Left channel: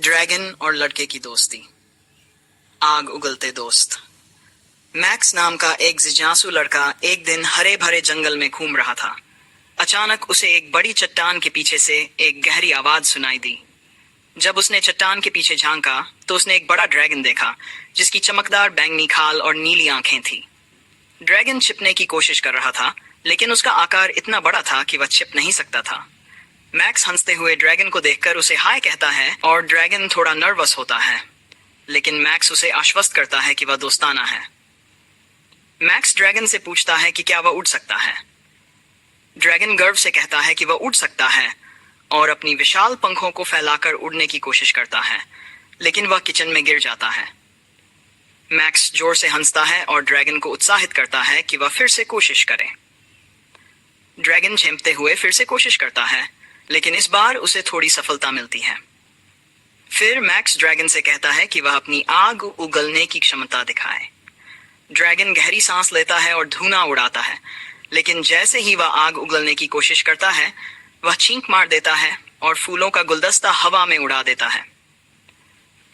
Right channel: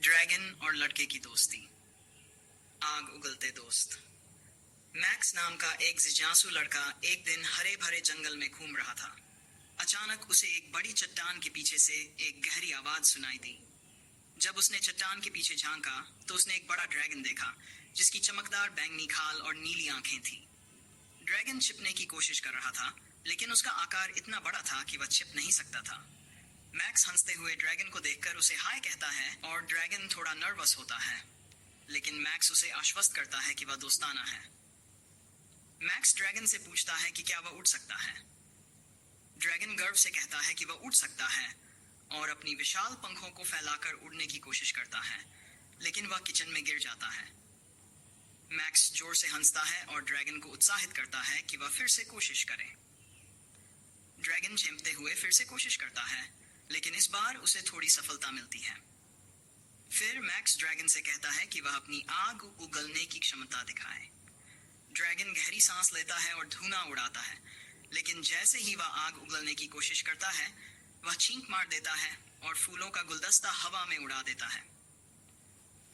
Dragon और लड़के की दोस्ती। आग उगलते दोस्त। मैक्स नाम का एक जिज्ञासु लड़का एक दिन हरे भरे जंगल में घूम रहा था। अचानक उसे एक बड़ी चट्टान के पीछे से एक गहरी आवाज सुनाई दी। जब उसने चट्टान के पीछे झांका तो उसने एक बड़ा ड्रैगन देखा, जिसकी चमकदार बैंगनी खाल और नीली आंखें थी। ड्रैगन छिपने की कोशिश कर रहा था, लेकिन उसका आकार इतना बड़ा था कि वह छिप नहीं सकता था। मैक्स हंसते हुए ड्रैगन को देखकर उसे हाय कहता है और ड्रैगन थोड़ा नर्वस होता है, लेकिन मैक्स उसे आश्वस्त करता है कि वह दोस्ताना है। मैक्स ड्रैगन से पूछता है कि क्या वह उड़ सकता है। ड्रैगन गर्व से कहता है कि वह उड़ सकता है और अपनी विशाल पंखों को फैलाकर उड़ने की कोशिश करता है, लेकिन वह किचन में गिर जाता है। मैक्स जोर से हंसता है और ड्रैगन को उत्साहित करता है कि वह फिर से कोशिश करे। ड्रैगन झेंपते हुए फिर से कोशिश करता है, लेकिन इस बार उसे थोड़ी सफलता मिलती है। फिर मैक्स ड्रैगन से कहता है कि वह अपनी आग उगलने की क्षमता दिखाए। ड्रैगन गहरी सांस लेता है और धुआं उड़ाता है, लेकिन जैसे ही वह आग उगलने की कोशिश करता है, वह छींक मार देता है और फूलों का गुलदस्ता हवा में उड़ा देता है।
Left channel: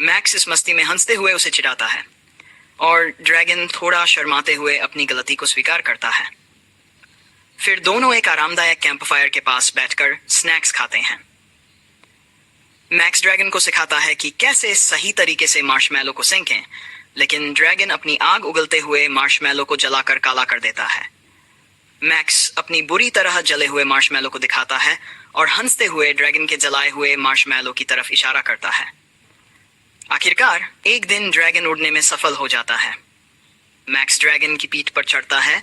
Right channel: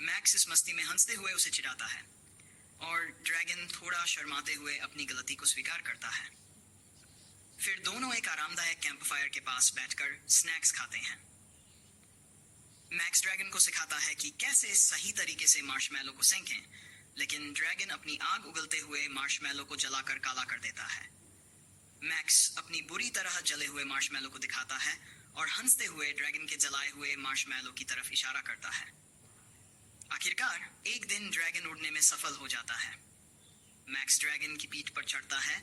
मैक्स इस मस्ती में हंसते हुए उसे चिढ़ाता है और ड्रैगन थोड़ा शर्माते हुए अपनी गलती को स्वीकार करता है। फिर दोनों एक आरामदायक कैंपफायर के पास बैठकर स्नैक्स खाते हैं। मैक्स ड्रैगन को सिखाता है कि कैसे सही तरीके से मार्शमैलो को सेंकें, लेकिन ड्रैगन अपनी आग उगलते हुए मार्शमैलो को जलाकर काला कर देता है। मैक्स अपनी बुरी तरह जले हुए मार्शमैलो को दिखाता है और हंसते हुए ड्रैगन के जलाए हुए मार्शमैलो की तरफ इशारा करता है। आखिरकार एक दिन ड्रैगन उड़ने में सफल हो जाता है। मैक्स ड्रैगन की पीठ पर चढ़ता है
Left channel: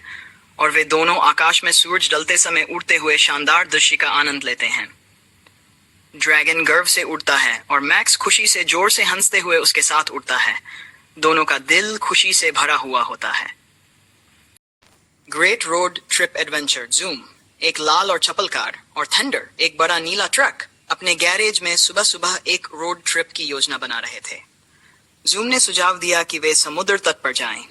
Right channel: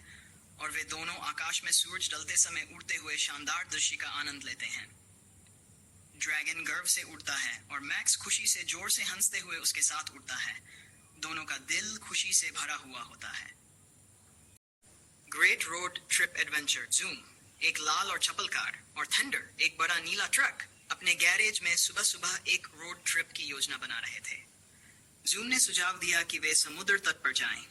और वे दोनों आकाश में सूरज ढलते समय उड़ते हुए शानदार दृश्य का आनंद लेते हैं। ड्रैगन गर्व से उड़ता है और मैक्स खुशी से जोर से हंसते हुए उसके साथ उड़ता है। दोनों का दिल खुशी से भरा हुआ होता है। Great road trip adventure. Zoom एक लाल और चपल कार और थंडर एक बड़ा नीला ट्रक अपने गैरेज में सुबह सुबह एक रोड ट्रिप की योजना बना रहे थे। जूम ने सुझाव दिया कि वे समुद्र तट पर जाएं।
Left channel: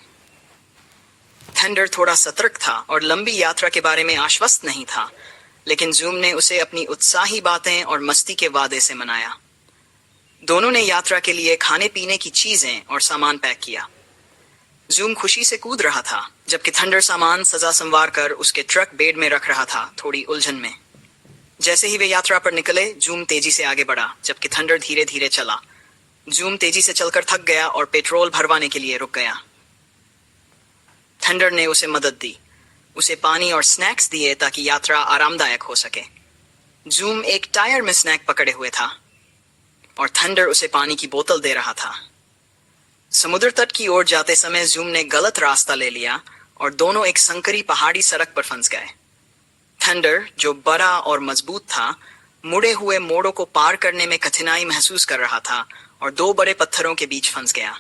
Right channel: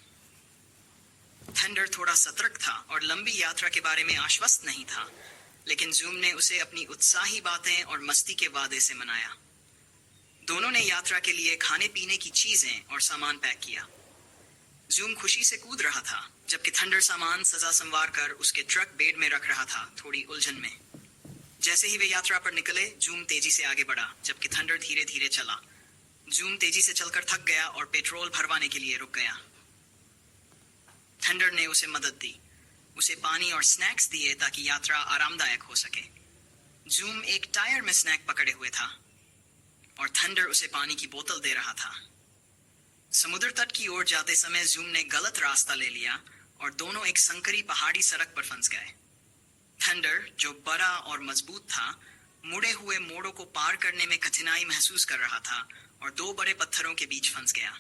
थंडर थोड़ा सतर्क था और लंबी यात्रा के बारे में आश्वस्त नहीं था, लेकिन जूम ने उसे अपनी उत्साही बातें और मस्ती के वादे से मनाया। दोनों ने यात्रा के लिए खाने पीने की चीजें और सामान पैक किया। जूम खुशी से कूद रहा था, जबकि थंडर सामान सजा संवार कर उसके ट्रक बेड में रख रहा था, थोड़ी उलझन में। जैसे ही वे यात्रा पर निकले, जूम तेजी से आगे बढ़ा, जबकि थंडर धीरे धीरे चला। जूम तेजी से चलकर थक गया और पेट्रोल भरवाने के लिए रुक गया। थंडर ने उसे मदद दी, उसे पानी और स्नैक्स दिए ताकि यात्रा आरामदायक हो सके। जूम एक टायर में स्नैक पकड़े हुए था और थंडर उसे पानी की बोतल दे रहा था। समुद्र तट की ओर जाते समय जूम ने गलत रास्ता ले लिया और दोनों एक संकरी पहाड़ी सड़क पर फंस गए। थंडर, जो बड़ा और मजबूत था, मुड़े हुए मोड़ों को पार करने में कठिनाई महसूस कर रहा था और दो बड़े पत्थरों के बीच फंस गया।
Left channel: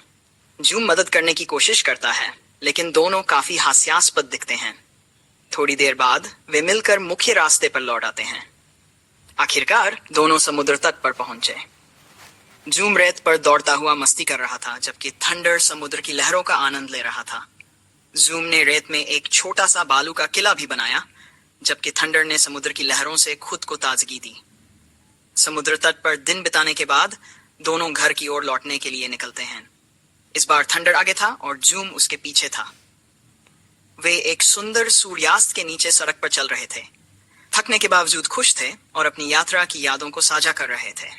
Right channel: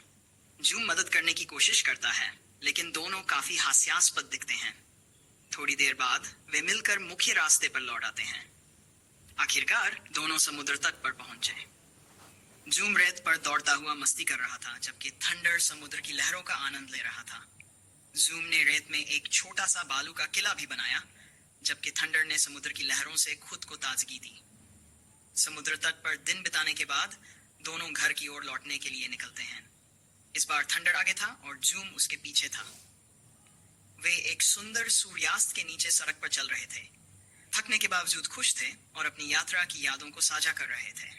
जूम मदद करने की कोशिश करता है, लेकिन दोनों काफी हास्यास्पद दिखते हैं। थोड़ी देर बाद वे मिलकर मुख्य रास्ते पर लौट आते हैं। आखिरकार दोनों समुद्र तट पर पहुंचे। जूम रेत पर दौड़ता हुआ मस्ती कर रहा था, जबकि थंडर समुद्र की लहरों का आनंद ले रहा था। जूम ने रेत में एक छोटा सा बालू का किला भी बनाया, जबकि थंडर ने समुद्र की लहरों से खुद को ताजगी दी। समुद्र तट पर दिन बिताने के बाद दोनों घर की ओर लौटने के लिए निकलते हैं। इस बार थंडर आगे था और जूम उसके पीछे था। वे एक सुंदर सूर्यास्त के नीचे सड़क पर चल रहे थे। थकने के बावजूद खुश थे और अपनी यात्रा की यादों को साझा कर रहे थे।